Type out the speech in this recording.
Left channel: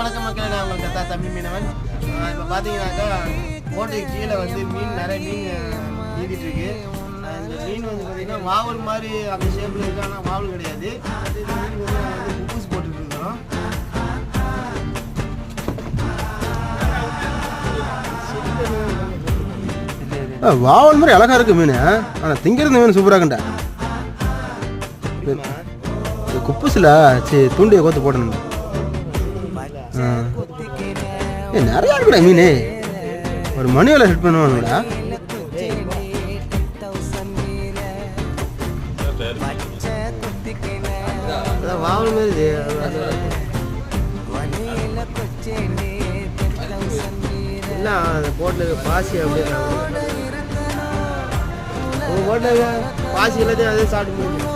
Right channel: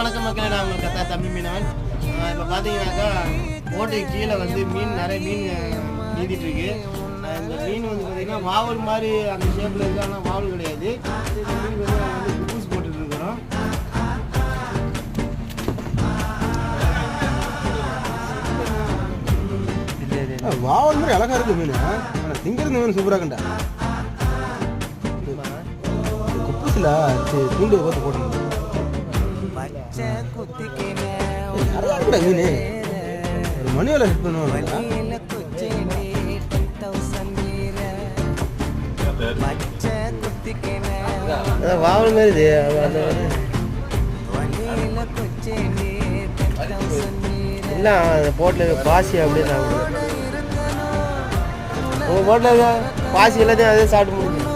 வணக்கம் மக்களே. நான் உங்களுக்கு கத்தா தம்பி மீனவன். இப்போ பார்த்தீங்கன்னாக்கா ஓட்டுக்கு கீழே வந்து மீன் நிறைய மீன் நீடிட்டு இருக்கு ஆஹ் இந்த மீன் வந்து பார்த்தீங்கன்னா வாவல் மாதிரி அந்த ஷேப்பில் இருக்கு. ஆனால் வாவல் கிடையாது. இந்த மீன் வந்து வந்து குப்பூஸ் வாவல் மாதிரி அழகா இருக்கு மீன். ஆனா திங்கிறது மீன் சூப்பரா இருக்குண்டா குப்புசில சரி தூண்டியை கோத்து போடணும் நிறைய இருக்குடா மீன். ஒரு மணி வேலை ஹெட் பண்ணுவானுங்களா வாவல் மாதிரி இல்லை அந்த போட்டில் பாசி அப்படியே உங்கள் போட்டில் பாசி எல்லாத்தையும் அதே சாப்பிட்டு முடியும்